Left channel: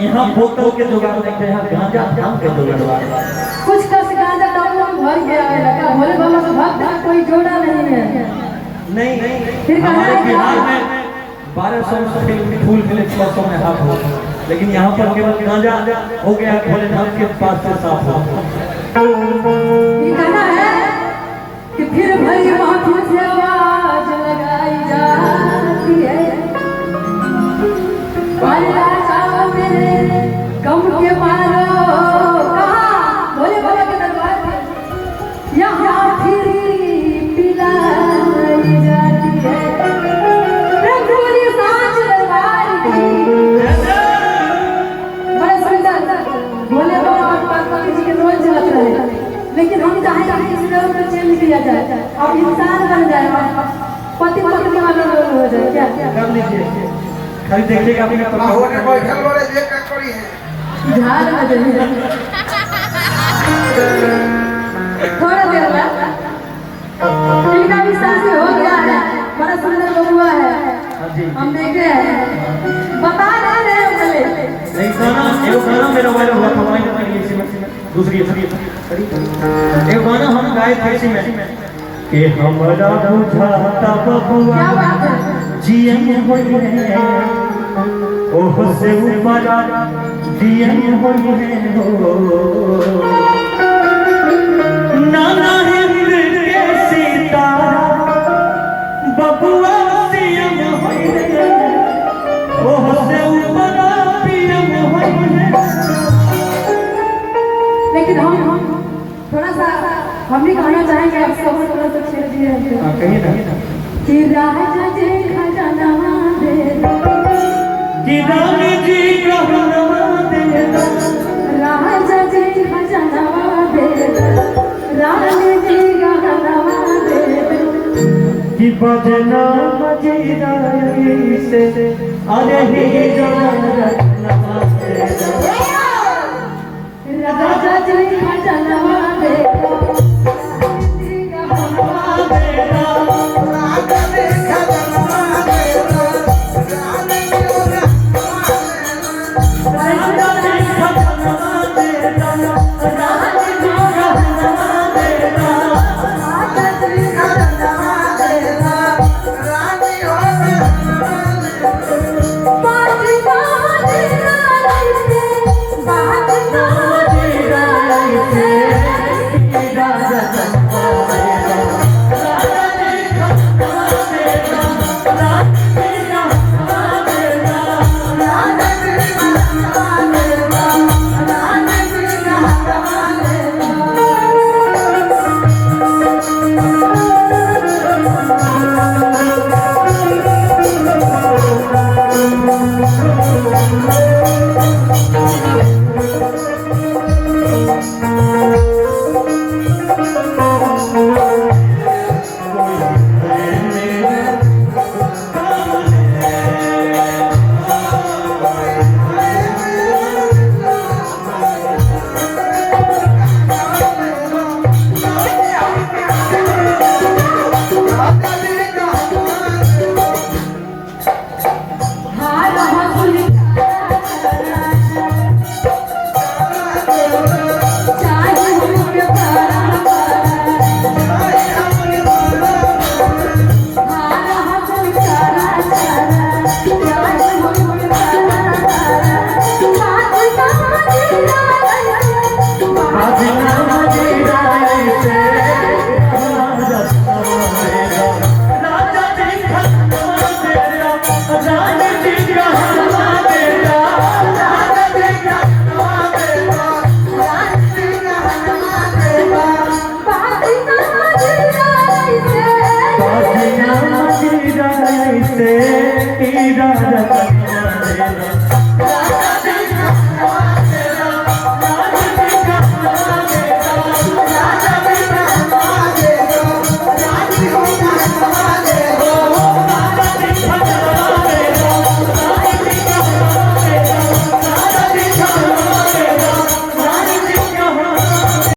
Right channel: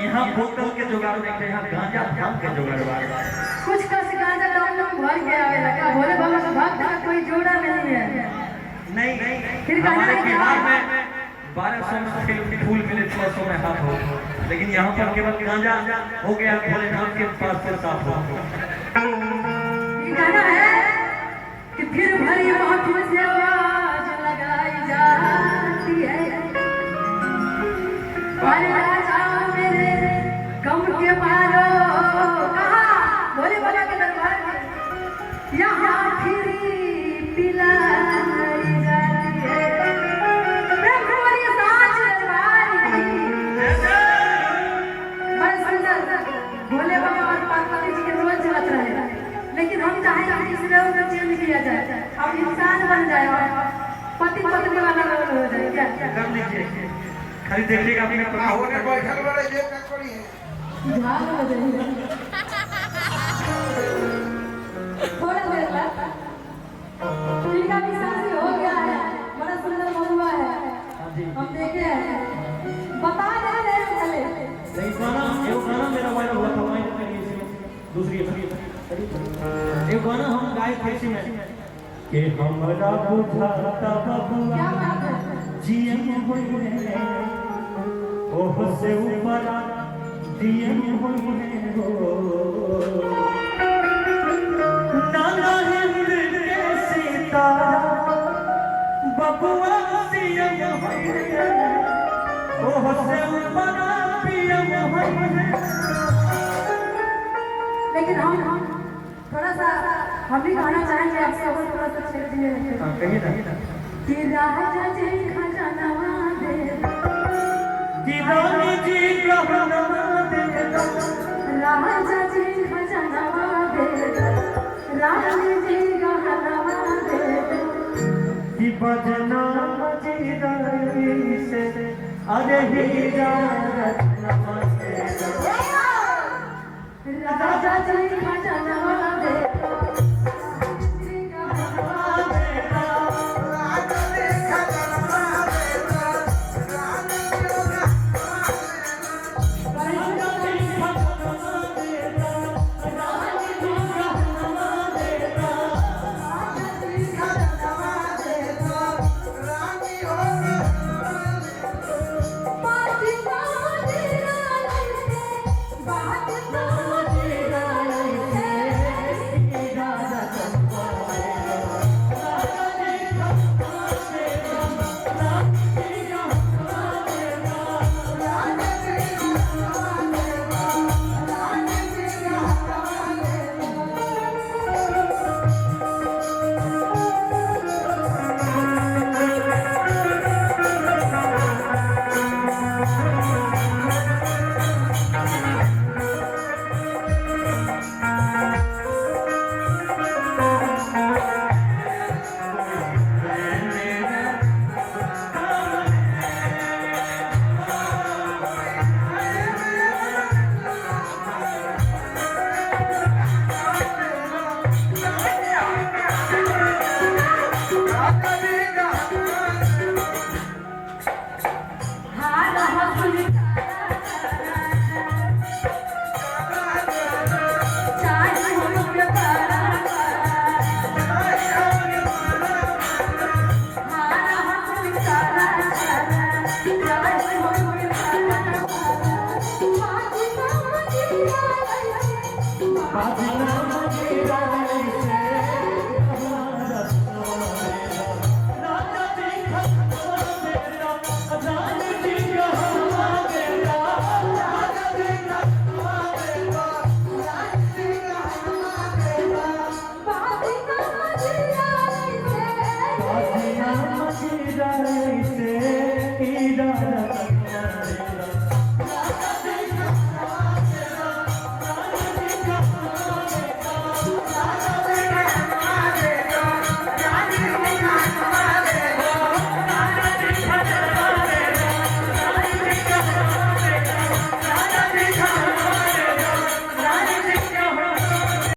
यहाँ बोतल के जुगाड़ नहीं थे, यहाँ गांजा धाम के जुगाड़ वाला। कुछ का गांजा डालने में भर गया है, लगा भोले बाबा का भक्त कोई जोड़ा नहीं है। नहीं, फिर हमारे बिहार में 1200 के फूल मिले, 600 में हाथ हो, लेकिन यहाँ पर केवल गांजा हो गया भोलेनाथ के पास से साफ हो। ये गाना है कि फिर भरी महफिल से आवाज लगाई जाती है, राजा मेरे गम के मारो कहाँ भोले बाबा के दरबार में यहाँ फिर पिलाई जाती है। प्रेम पूरी सांच दरबार की बड़ा सुंदर भोले बाबा पार्वती जी के रोज जात रहे, लेकिन हम चाहेंगे कि इस रोल को चेंज किया जाए, अब इंसान बन जाए, पति पत्नी वाला रोल हो जाए। क्या कर लीजिए, खाली देखिएगा अपने होने बैठल बड़े ये क्या करी है झाड़ बदल थोड़ा देर बाद इनका भी शादी हो गया है, बड़ा सुंदर बबुआ है, हम देखे हैं, बता रहे हैं भले नहीं गाना मेरा वायरल हुआ था, वायरल करिए इसी में दूसरी एक गाना हम गाए थे इसी में कि हमरा बुझाता बबुआ क्या बात है। जियन होई है ओह से ऊपर जियन होई है हो नाना हिंद के सितारा बबुआ जियन होई है ओह से ऊपर जियन होई है। लेकिन हम थोड़ा सा हम भी कहना चाहेंगे, आप सब थोड़ा सा छेड़ दिए हैं कहिए ना कि राजा जी खजाना दे कि रानी जी कहना दे राजा जी खजाना दे रानी जी कहना दे कि बजना मजीरा से अरे ही राजा जी खजाना दे राजा